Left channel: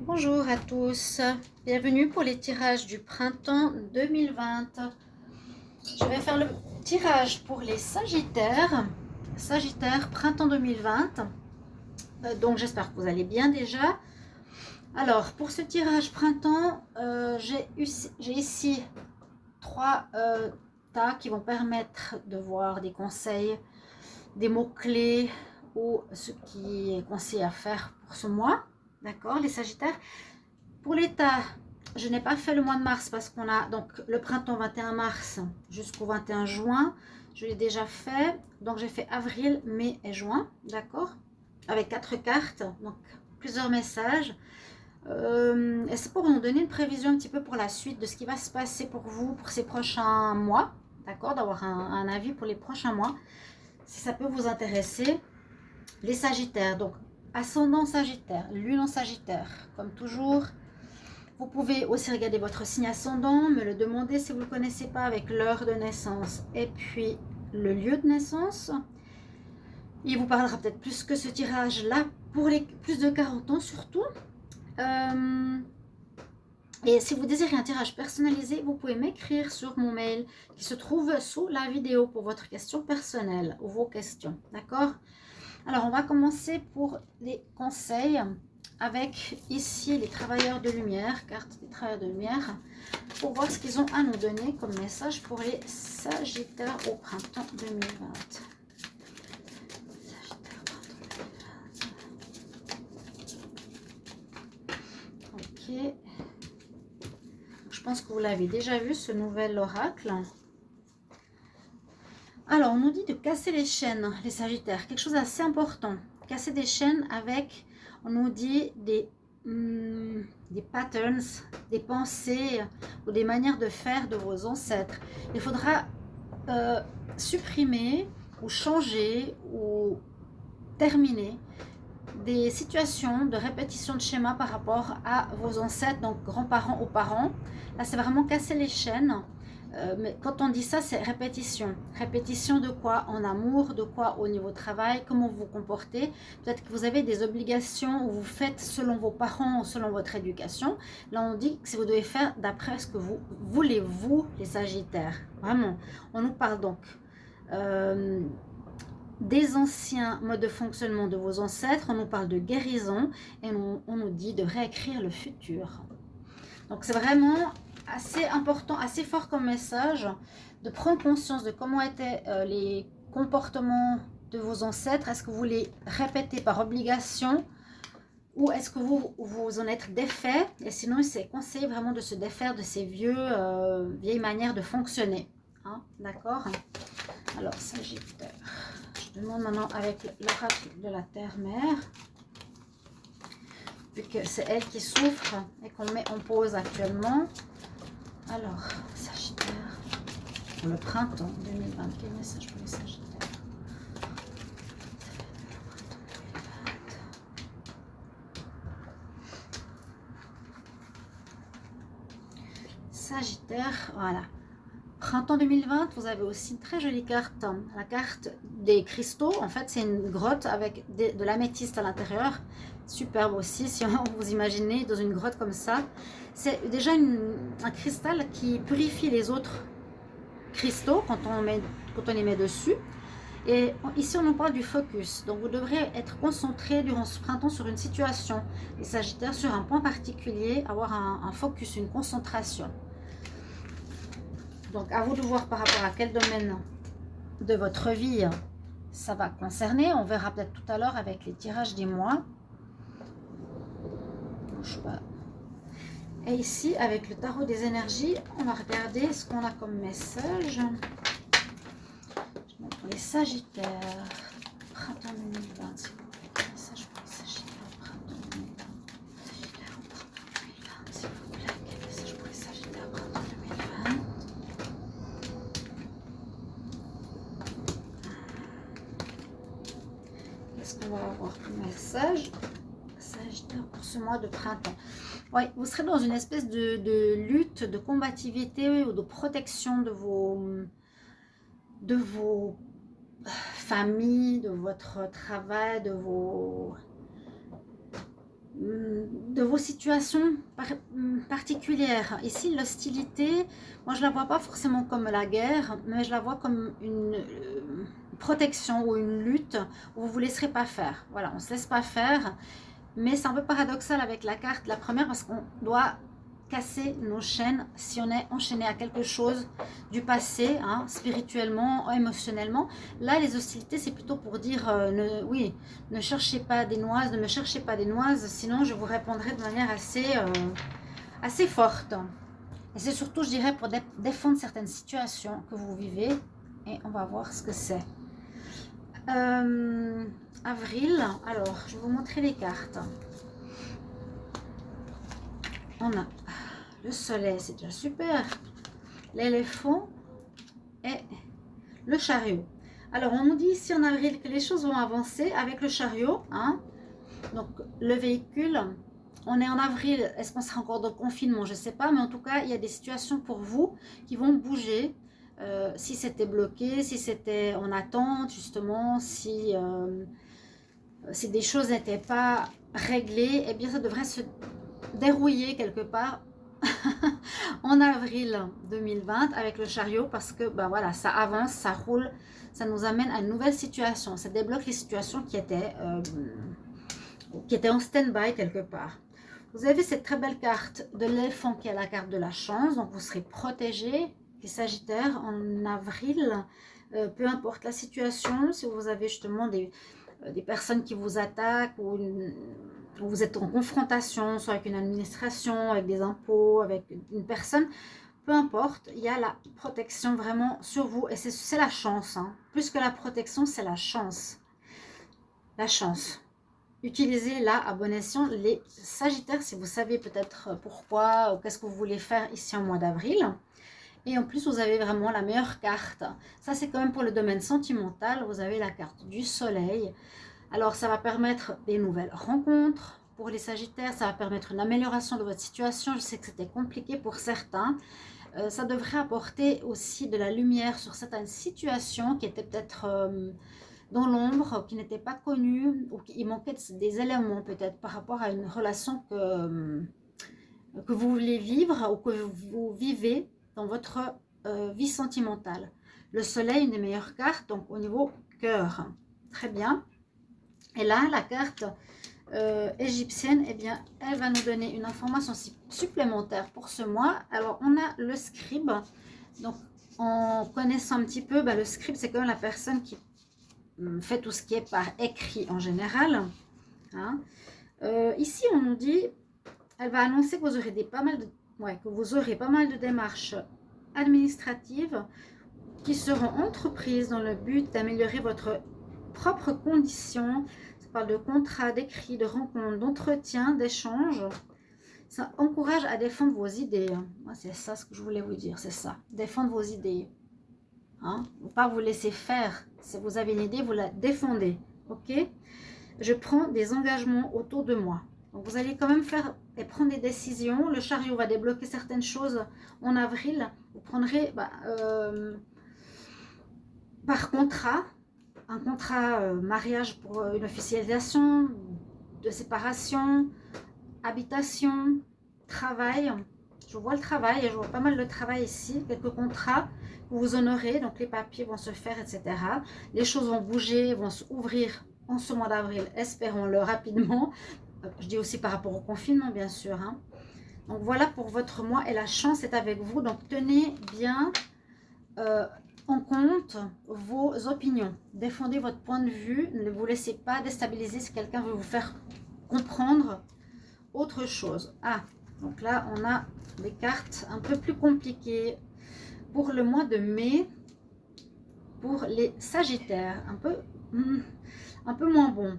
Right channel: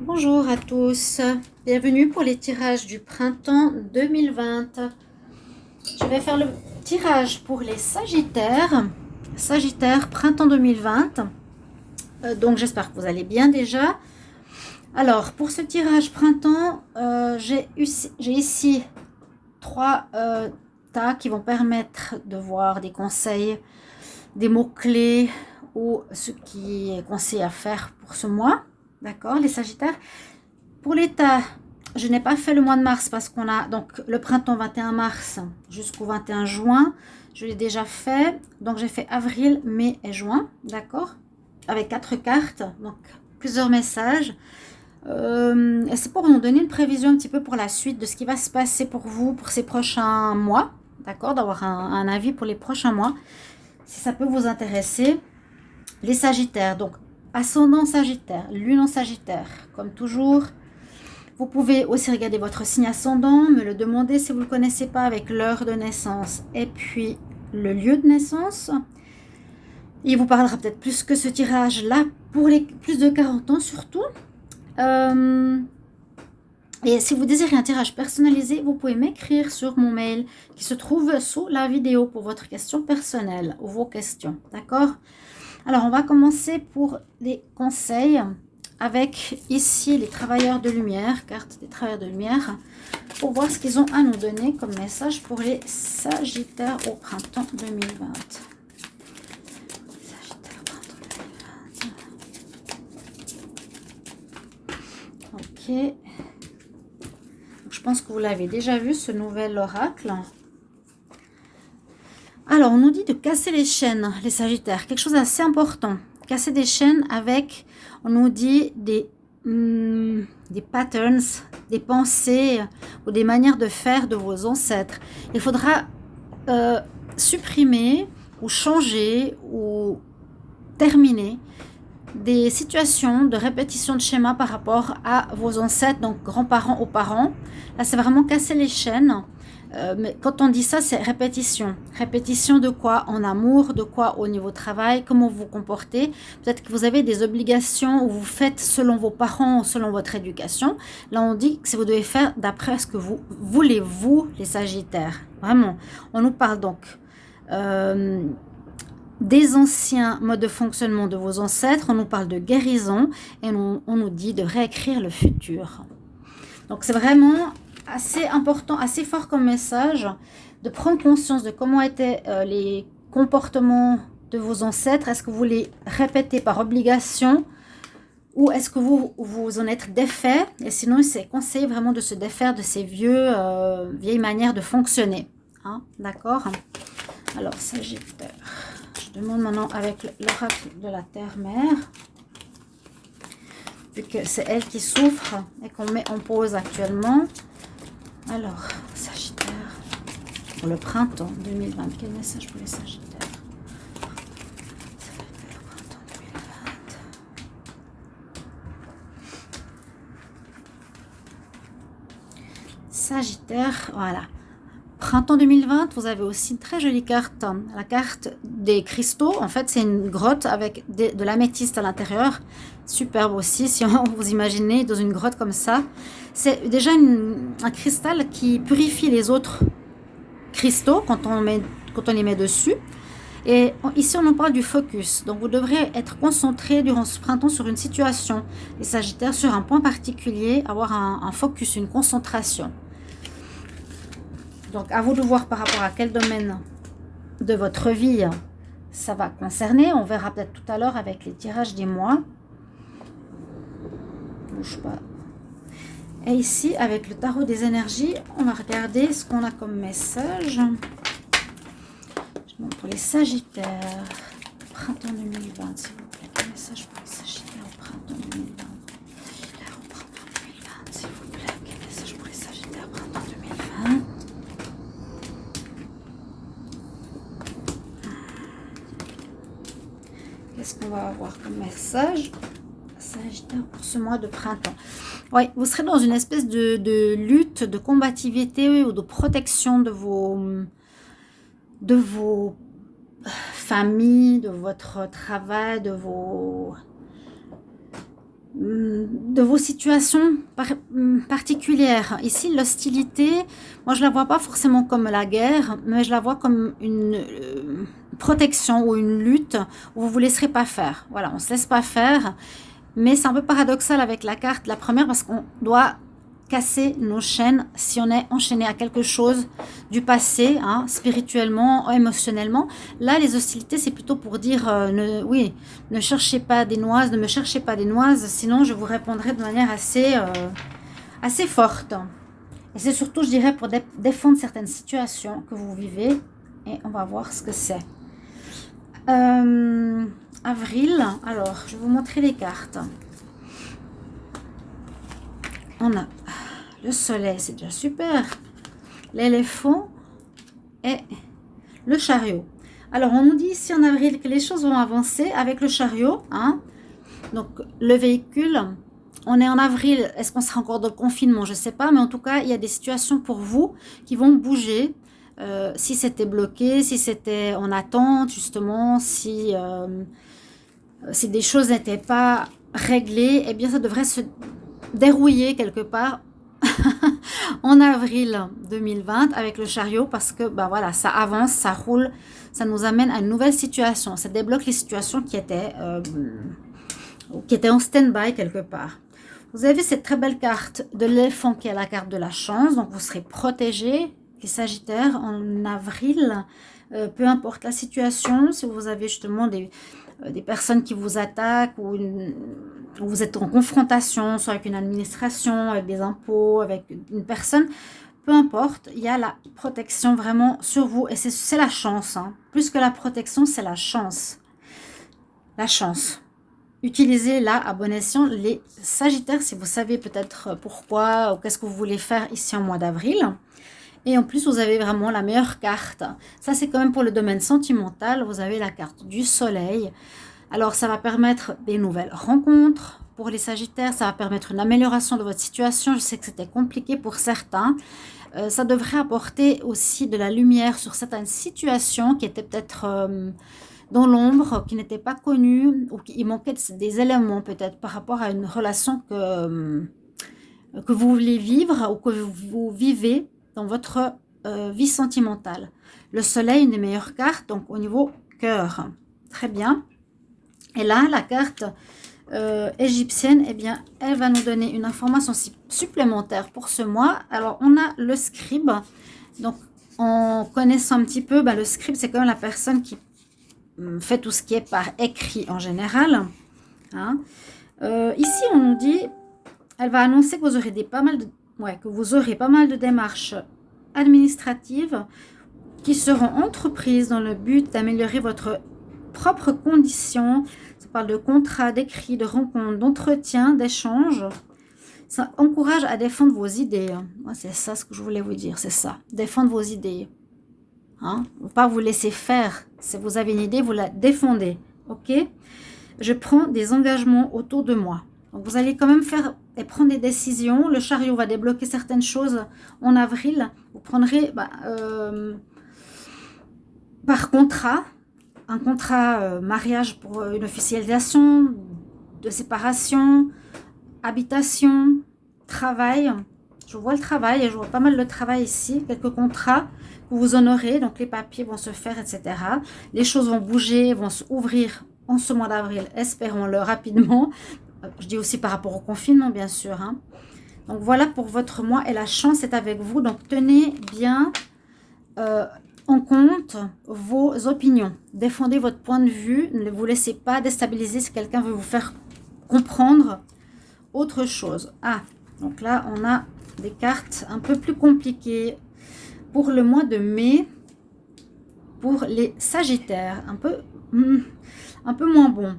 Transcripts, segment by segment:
Bonjour à tous, bienvenue pour les tirages du printemps 2020. Je vais faire le tirage pour les Sagittaires, Sagittaire printemps 2020. Donc j'espère que vous allez bien déjà. Alors pour ce tirage printemps, j'ai ici trois tas qui vont permettre de voir des conseils, des mots-clés ou ce qui est conseillé à faire pour ce mois. D'accord, les Sagittaires. Pour l'état, je n'ai pas fait le mois de mars parce qu'on a donc le printemps 21 mars jusqu'au 21 juin. Je l'ai déjà fait. Donc j'ai fait avril, mai et juin. D'accord, avec 4 cartes. Donc plusieurs messages. Et c'est pour nous donner une prévision un petit peu pour la suite de ce qui va se passer pour vous pour ces prochains mois. D'accord, d'avoir un avis pour les prochains mois. Si ça peut vous intéresser. Les Sagittaires. Donc ascendant Sagittaire, lune en Sagittaire. Comme toujours. Vous pouvez aussi regarder votre signe ascendant, me le demander si vous ne le connaissez pas avec l'heure de naissance et puis le lieu de naissance. Il vous parlera peut-être plus que ce tirage-là pour les plus de 40 ans surtout. Et si vous désirez un tirage personnalisé, vous pouvez m'écrire sur mon mail qui se trouve sous la vidéo pour votre question personnelle ou vos questions. D'accord? Alors, on va commencer pour les conseils avec ici les travailleurs de lumière, carte des travailleurs de lumière, pour voir ce qu'ils ont à nous donner comme message pour les Sagittaires au printemps 2020. Sagittaire, printemps 2020. Ok. Je pense que vous l'avez déjà vu, ce nouvel oracle. Alors, on nous dit de casser les chaînes, les Sagittaires, quelque chose d'assez important. Casser des chaînes avec, on nous dit des patterns, des pensées ou des manières de faire de vos ancêtres. Il faudra supprimer ou changer ou terminer des situations de répétition de schéma par rapport à vos ancêtres, donc grands-parents ou parents. Là, c'est vraiment casser les chaînes. Mais quand on dit ça, c'est répétition. Répétition de quoi? En amour, de quoi au niveau travail, comment vous vous comportez. Peut-être que vous avez des obligations où vous faites selon vos parents ou selon votre éducation. Là, on dit que vous devez faire d'après ce que vous voulez, vous, les Sagittaires. Vraiment. On nous parle donc des anciens modes de fonctionnement de vos ancêtres. On nous parle de guérison et on nous dit de réécrire le futur. Donc, c'est vraiment assez important, assez fort comme message de prendre conscience de comment étaient les comportements de vos ancêtres. Est-ce que vous les répétez par obligation ou est-ce que vous en êtes défait? Et sinon, c'est conseillé vraiment de se défaire de ces vieilles manières de fonctionner. Hein, d'accord? Alors, Sagittaire, je demande maintenant avec l'oracle de la Terre-Mère, vu que c'est elle qui souffre et qu'on met en pause actuellement. Alors, Sagittaire, pour le printemps 2020, quel message pour les Sagittaires? Sagittaire, voilà. Printemps 2020, vous avez aussi une très jolie carte, la carte des cristaux. En fait, c'est une grotte avec de l'améthyste à l'intérieur. Superbe aussi, si vous imaginez dans une grotte comme ça. C'est déjà un cristal qui purifie les autres cristaux quand on les met dessus. Et ici, on nous parle du focus. Donc, vous devrez être concentré durant ce printemps sur une situation. Les Sagittaires, sur un point particulier, avoir un focus, une concentration. Donc, à vous de voir par rapport à quel domaine de votre vie ça va concerner. On verra peut-être tout à l'heure avec les tirages des mois. Bouge pas. Et ici, avec le tarot des énergies, on va regarder ce qu'on a comme message. Pour les Sagittaires, printemps 2020, s'il vous plaît. Quel message pour les Sagittaires au printemps 2020? Sagittaire au printemps 2020, s'il vous plaît. Quel message pour les Sagittaires au printemps 2020? Qu'est-ce qu'on va avoir comme message? Sagittaire pour ce mois de printemps. Oui, vous serez dans une espèce de lutte, de combativité ou de protection de vos familles, de votre travail, de vos de vos situations particulières. Ici, l'hostilité, moi je la vois pas forcément comme la guerre, mais je la vois comme une protection ou une lutte où vous vous laisserez pas faire. Voilà, on se laisse pas faire, mais c'est un peu paradoxal avec la carte, la première, parce qu'on doit casser nos chaînes si on est enchaîné à quelque chose du passé, hein, spirituellement, émotionnellement. Là, les hostilités, c'est plutôt pour dire, oui, ne cherchez pas des noises, ne me cherchez pas des noises, sinon je vous répondrai de manière assez forte. Et c'est surtout, je dirais, pour défendre certaines situations que vous vivez, et on va voir ce que c'est. Avril, alors, je vais vous montrer les cartes. On a le soleil, c'est déjà super. L'éléphant et le chariot. Alors, on nous dit ici en avril que les choses vont avancer avec le chariot. Hein. Donc, le véhicule, on est en avril. Est-ce qu'on sera encore dans le confinement? Je ne sais pas. Mais en tout cas, il y a des situations pour vous qui vont bouger. Si c'était bloqué, si c'était en attente, justement, si des choses n'étaient pas réglées, eh bien, ça devrait se dérouiller quelque part en avril 2020 avec le chariot parce que ben voilà, ça avance, ça roule, ça nous amène à une nouvelle situation, ça débloque les situations qui étaient en stand-by quelque part. Vous avez cette très belle carte de l'éléphant qui est la carte de la chance, donc vous serez protégé, les Sagittaires, en avril, peu importe la situation, si vous avez justement des personnes qui vous attaquent ou vous êtes en confrontation, soit avec une administration, avec des impôts, avec une personne, peu importe, il y a la protection vraiment sur vous et c'est la chance. Hein. Plus que la protection, c'est la chance. La chance. Utilisez-la à bon escient. Les Sagittaires, si vous savez peut-être pourquoi ou qu'est-ce que vous voulez faire ici en mois d'avril. Et en plus, vous avez vraiment la meilleure carte. Ça, c'est quand même pour le domaine sentimental. Vous avez la carte du soleil. Alors, ça va permettre des nouvelles rencontres pour les Sagittaires. Ça va permettre une amélioration de votre situation. Je sais que c'était compliqué pour certains. Ça devrait apporter aussi de la lumière sur certaines situations qui étaient peut-être dans l'ombre, qui n'étaient pas connues ou qui manquaient des éléments peut-être par rapport à une relation que vous voulez vivre ou que vous vivez dans votre vie sentimentale. Le soleil, une des meilleures cartes, donc au niveau cœur. Très bien. Et là, la carte égyptienne, eh bien, elle va nous donner une information supplémentaire pour ce mois. Alors, on a le scribe. Donc, en connaissant un petit peu, ben, le scribe, c'est quand même la personne qui fait tout ce qui est par écrit en général. Hein. Ici, on nous dit, elle va annoncer que vous aurez pas mal de démarches administratives qui seront entreprises dans le but d'améliorer votre propre condition. Ça parle de contrats, d'écrits, de rencontres, d'entretiens, d'échanges. Ça encourage à défendre vos idées. Moi, c'est ça ce que je voulais vous dire, c'est ça. Défendre vos idées. Hein? Ne pas vous laisser faire. Si vous avez une idée, vous la défendez. Ok? Je prends des engagements autour de moi. Donc, vous allez quand même faire et prendre des décisions. Le chariot va débloquer certaines choses en avril. Vous prendrez par contrat, un contrat mariage pour une officialisation, de séparation, habitation, travail. Je vois le travail et je vois pas mal de travail ici. Quelques contrats que vous honorez. Donc, les papiers vont se faire, etc. Les choses vont bouger, vont s'ouvrir en ce mois d'avril. Espérons-le rapidement. Je dis aussi par rapport au confinement, bien sûr. Hein. Donc, voilà pour votre mois et la chance est avec vous. Donc, tenez bien en compte vos opinions. Défendez votre point de vue. Ne vous laissez pas déstabiliser si quelqu'un veut vous faire comprendre autre chose. Ah, donc là, on a des cartes un peu plus compliquées pour le mois de mai. Pour les Sagittaires, un peu moins bon.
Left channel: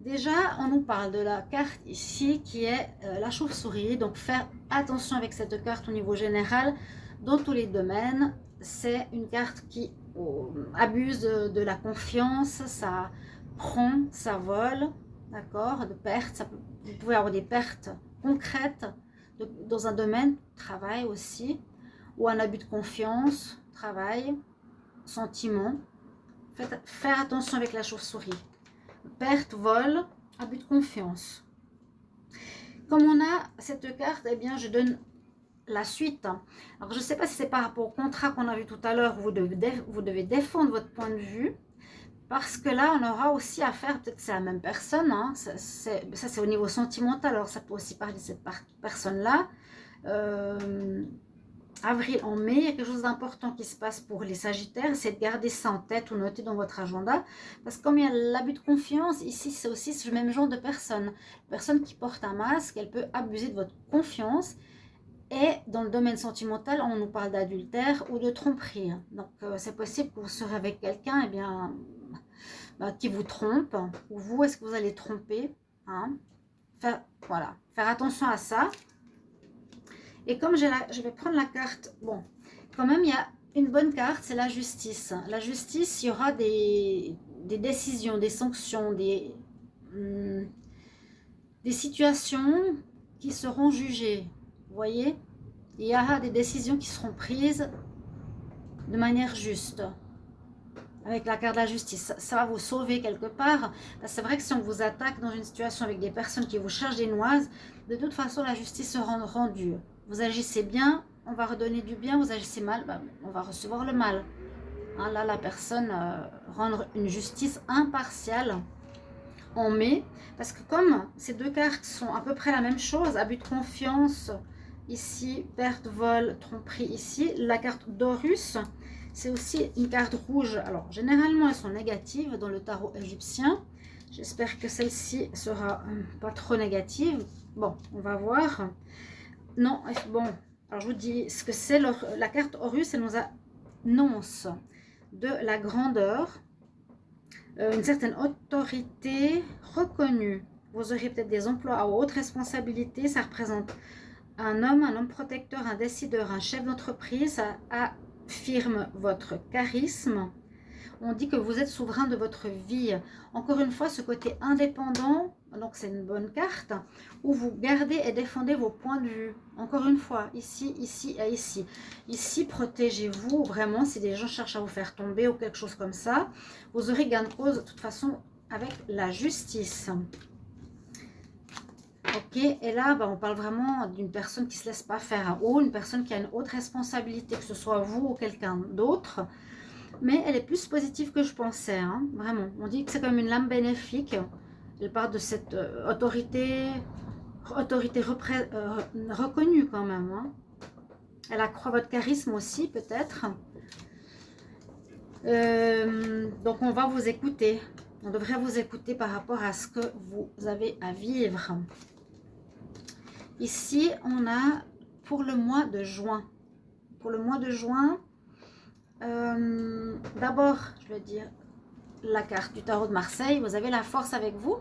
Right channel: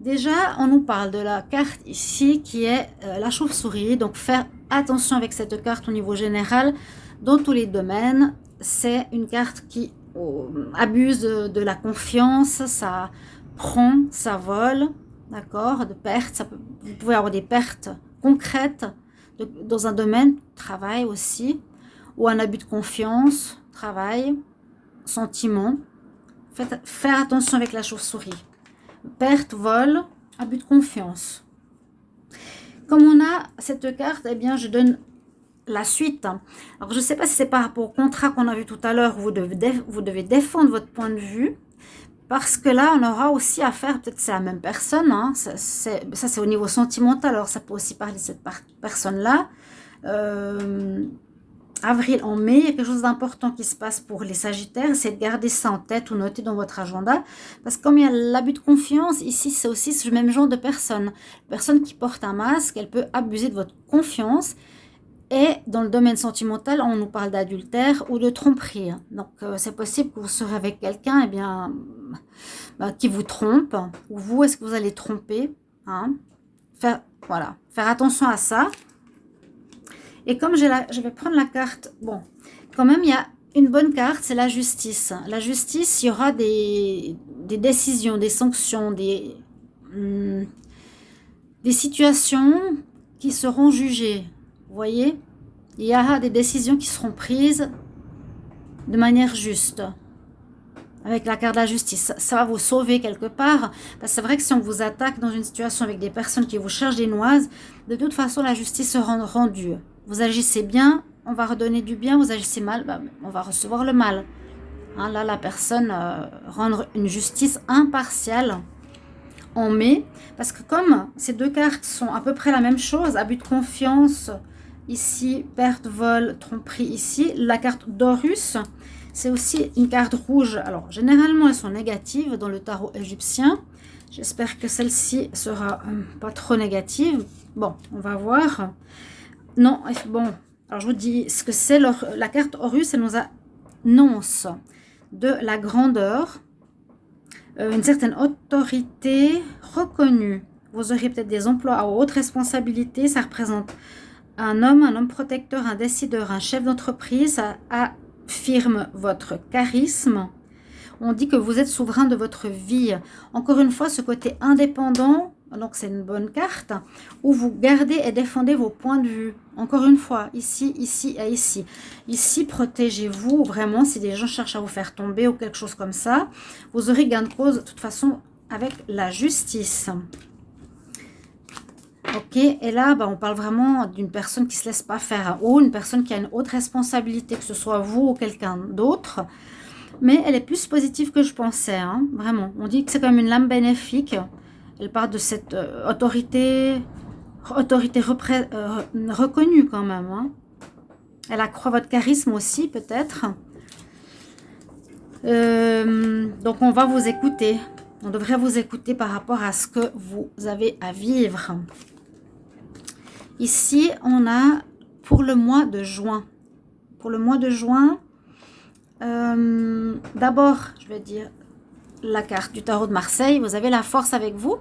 Déjà, on nous parle de la carte ici qui est la chauve-souris. Donc, faire attention avec cette carte au niveau général dans tous les domaines. C'est une carte qui abuse de la confiance. Ça prend, ça vole, d'accord, de pertes. Vous pouvez avoir des pertes concrètes dans un domaine, travail aussi, ou un abus de confiance, travail, sentiment. Faire attention avec la chauve-souris. Perte, vol, abus de confiance. comme on a cette carte, eh bien, je donne la suite. Alors, je ne sais pas si c'est par rapport au contrat qu'on a vu tout à l'heure, vous devez défendre votre point de vue, parce que là, on aura aussi affaire, peut-être c'est la même personne, hein, ça c'est au niveau sentimental, alors ça peut aussi parler de cette personne-là. Avril, en mai, il y a quelque chose d'important qui se passe pour les Sagittaires, c'est de garder ça en tête ou noter dans votre agenda, parce que comme il y a l'abus de confiance, ici c'est aussi ce même genre de personne. Personne qui porte un masque, elle peut abuser de votre confiance. Et dans le domaine sentimental, on nous parle d'adultère ou de tromperie. Donc, c'est possible que vous serez avec quelqu'un qui vous trompe. Ou vous, est-ce que vous allez tromper, hein? Voilà, faire attention à ça. Et comme je vais prendre la carte, bon, quand même, il y a une bonne carte, c'est la justice. La justice, il y aura des décisions, des sanctions, des situations qui seront jugées. Vous voyez, il y aura des décisions qui seront prises de manière juste. Avec la carte de la justice, ça va vous sauver quelque part. Parce que c'est vrai que si on vous attaque dans une situation avec des personnes qui vous cherchent des noises, de toute façon, la justice sera rendue. Vous agissez bien, on va redonner du bien. Vous agissez mal, on va recevoir le mal. Hein, là, la personne rendre une justice impartiale en mai. Parce que comme ces deux cartes sont à peu près la même chose, abus de confiance, ici, perte, vol, tromperie ici. La carte d'Horus, c'est aussi une carte rouge. Alors, généralement, elles sont négatives dans le tarot égyptien. J'espère que celle-ci sera pas trop négative. Bon, on va voir. Non, bon. Alors, je vous dis ce que c'est. La carte Horus, elle nous annonce de la grandeur, une certaine autorité reconnue. Vous aurez peut-être des emplois à haute responsabilité. Ça représente un homme protecteur, un décideur, un chef d'entreprise. Ça affirme votre charisme. On dit que vous êtes souverain de votre vie. Encore une fois, ce côté indépendant, donc c'est une bonne carte, où vous gardez et défendez vos points de vue. Encore une fois, ici, ici et ici. Ici, protégez-vous vraiment si des gens cherchent à vous faire tomber ou quelque chose comme ça. Vous aurez gain de cause de toute façon avec la justice. Ok, et là, on parle vraiment d'une personne qui ne se laisse pas faire, ou une personne qui a une haute responsabilité, que ce soit vous ou quelqu'un d'autre. Mais elle est plus positive que je pensais, hein, vraiment. On dit que c'est comme une lame bénéfique. Elle parle de cette autorité reconnue quand même. Hein. Elle accroît votre charisme aussi, peut-être. Donc, on va vous écouter. On devrait vous écouter par rapport à ce que vous avez à vivre. Ici, on a pour le mois de juin. Pour le mois de juin, d'abord, je vais dire la carte du tarot de Marseille. Vous avez la force avec vous.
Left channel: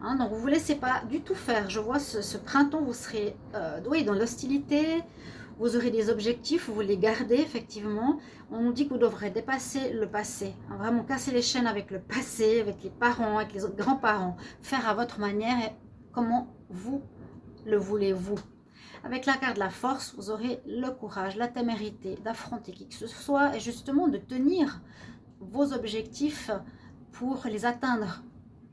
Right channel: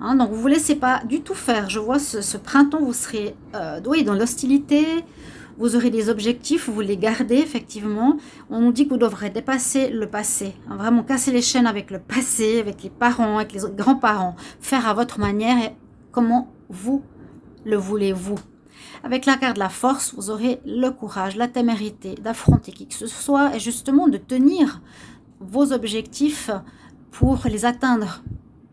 Hein, donc, vous ne vous laissez pas du tout faire. Je vois ce printemps, vous serez dans l'hostilité. Vous aurez des objectifs, vous les gardez effectivement. On nous dit que vous devrez dépasser le passé. Hein, vraiment casser les chaînes avec le passé, avec les parents, avec les grands-parents. Faire à votre manière et comment vous le voulez-vous. Avec la carte de la force, vous aurez le courage, la témérité d'affronter qui que ce soit et justement de tenir vos objectifs pour les atteindre.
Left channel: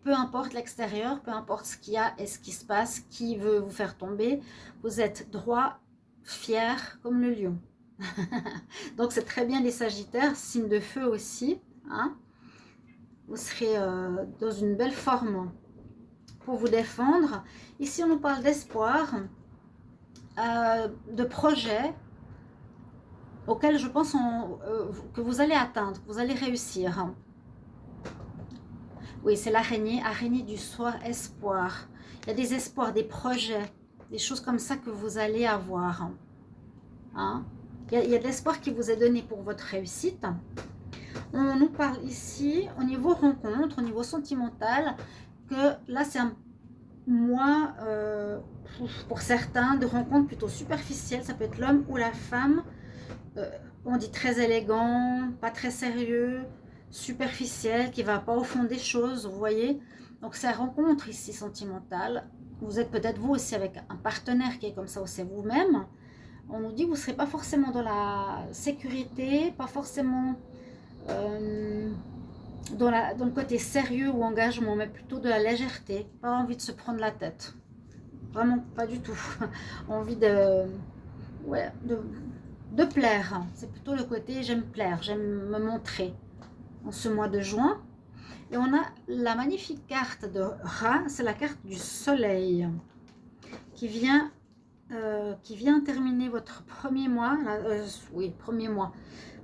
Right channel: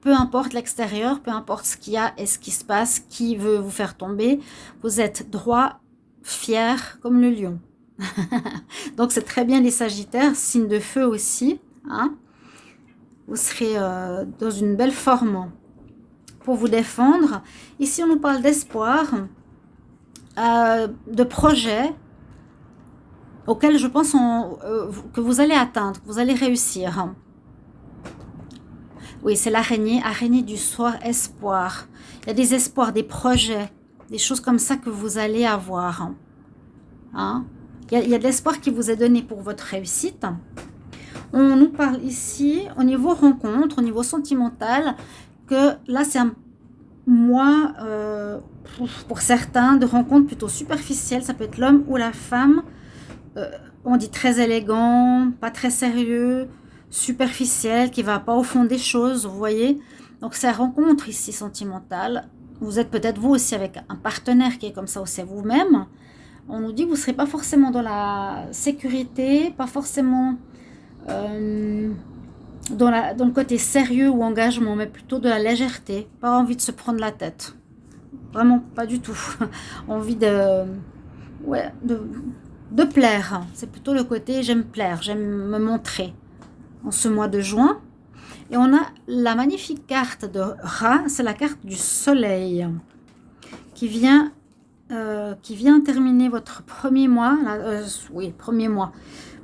Peu importe l'extérieur, peu importe ce qu'il y a et ce qui se passe, qui veut vous faire tomber, vous êtes droit, fier comme le lion. Donc c'est très bien les Sagittaires, signe de feu aussi. Hein. Vous serez dans une belle forme pour vous défendre. Ici on nous parle d'espoir, de projets auxquels je pense que vous allez atteindre, que vous allez réussir. Oui, c'est l'araignée, araignée du soir, espoir. Il y a des espoirs, des projets, des choses comme ça que vous allez avoir. Hein? Il y a de l'espoir qui vous est donné pour votre réussite. On nous parle ici, au niveau rencontre, au niveau sentimental, que là, c'est un mois, pour certains, de rencontres plutôt superficielles. Ça peut être l'homme ou la femme. On dit très élégant, pas très sérieux, superficiel, qui ne va pas au fond des choses, vous voyez. Donc, c'est la rencontre ici sentimentale. Vous êtes peut-être vous aussi avec un partenaire qui est comme ça, ou c'est vous-même. On nous dit que vous ne serez pas forcément dans la sécurité, pas forcément dans le côté sérieux ou engagement, mais plutôt de la légèreté. Pas envie de se prendre la tête. vraiment pas du tout. Envie de, ouais, de plaire. C'est plutôt le côté j'aime plaire, j'aime me montrer en ce mois de juin. Et on a la magnifique carte de Ra, c'est la carte du soleil qui vient terminer votre premier mois, oui, premier mois,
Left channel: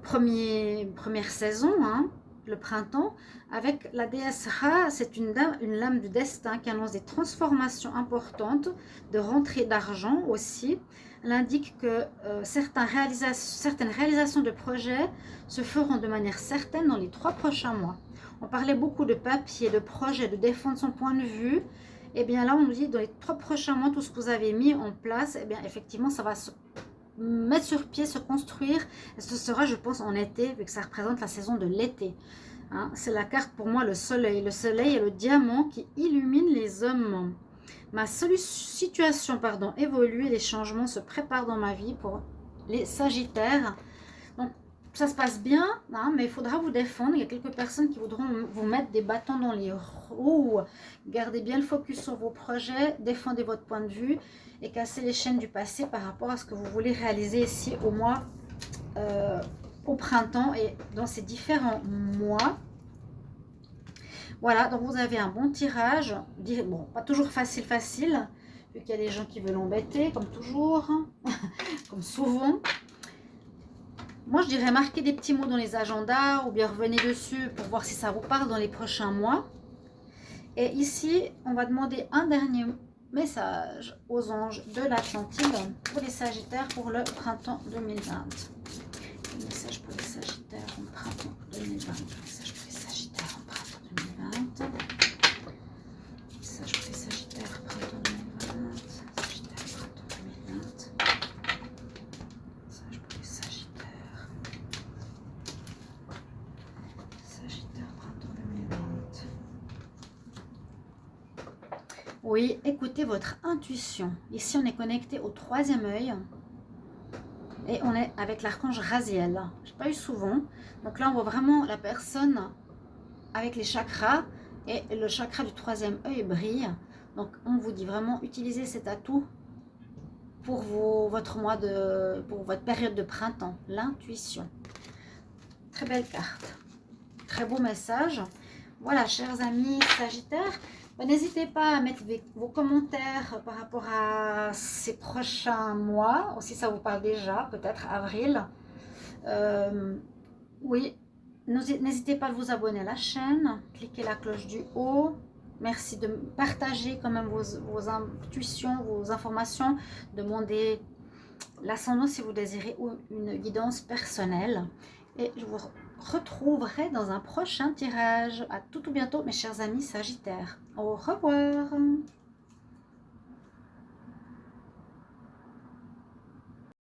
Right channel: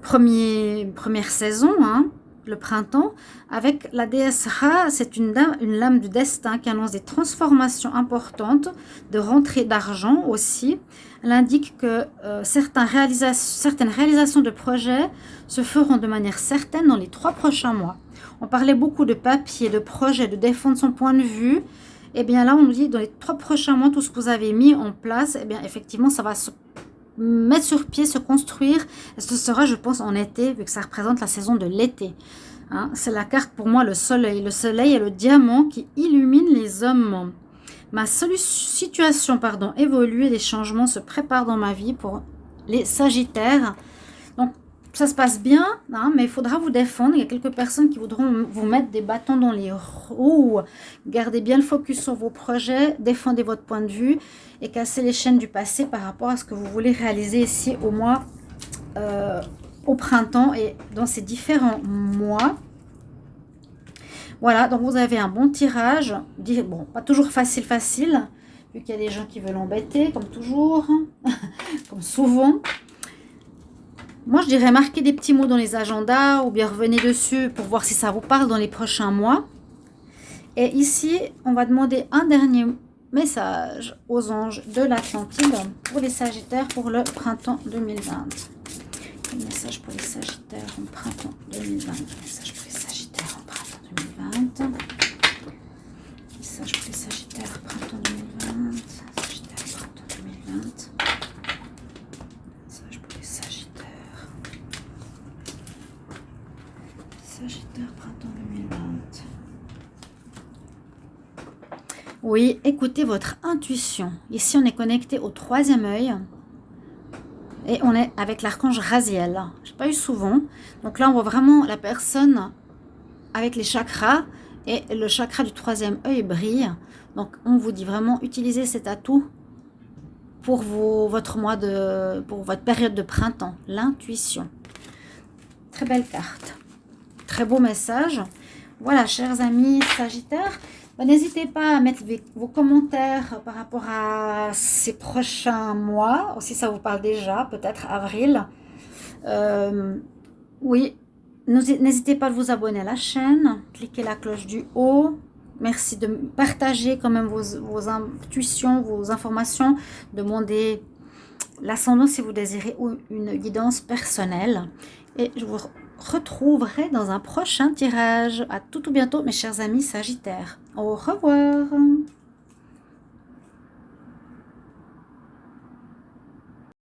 première saison, hein, le printemps, avec la déesse Ra. C'est une lame du destin qui annonce des transformations importantes, de rentrée d'argent aussi. Elle indique que certaines réalisations de projets se feront de manière certaine dans les 3 prochains mois. On parlait beaucoup de papier, de projet, de défendre son point de vue. Et bien là, on nous dit dans les 3 prochains mois, tout ce que vous avez mis en place, et bien effectivement, ça va se mettre sur pied, se construire. Et ce sera, je pense, en été, vu que ça représente la saison de l'été. Hein, c'est la carte pour moi, le soleil. Le soleil est le diamant qui illumine les hommes. Ma situation évolue et des changements se préparent dans ma vie pour les Sagittaires. Donc, ça se passe bien, hein, mais il faudra vous défendre. Il y a quelques personnes qui voudront vous mettre des bâtons dans les roues. Gardez bien le focus sur vos projets, défendez votre point de vue et cassez les chaînes du passé par rapport à ce que vous voulez réaliser ici au printemps et dans ces différents mois. Voilà, donc vous avez un bon tirage. Bon, pas toujours facile, vu qu'il y a des gens qui veulent embêter, comme toujours, comme souvent. Moi, je dirais marquer des petits mots dans les agendas ou bien revenez dessus pour voir si ça vous parle dans les prochains mois. Et ici, on va demander un dernier message aux anges de l'Atlantide pour les Sagittaires pour le printemps 2020. Un message pour les Sagittaires en printemps 2020. Message pour les Sagittaires en printemps 2020. Message pour les Sagittaires en printemps 2020. Sagittaires en printemps 2020. Message pour les Sagittaires. Sagittaire printemps 2020. Oui, écoutez votre intuition. Ici, on est connecté au 3e œil. Et on est avec l'archange Raziel. Je n'ai pas eu souvent. Donc là, on voit vraiment la personne avec les chakras. Et le chakra du 3e œil brille. Donc, on vous dit vraiment, utilisez cet atout pour votre période de printemps. L'intuition. Très belle carte. Très beau message. Voilà, chers amis Sagittaires. N'hésitez pas à mettre vos commentaires par rapport à ces prochains mois, si ça vous parle déjà, peut-être avril. Oui, n'hésitez pas à vous abonner à la chaîne, cliquez la cloche du haut. Merci de partager quand même vos intuitions, vos informations. Demandez l'ascendant si vous désirez ou une guidance personnelle. Et je vous retrouverai dans un prochain tirage. À tout bientôt mes chers amis Sagittaires. Au revoir.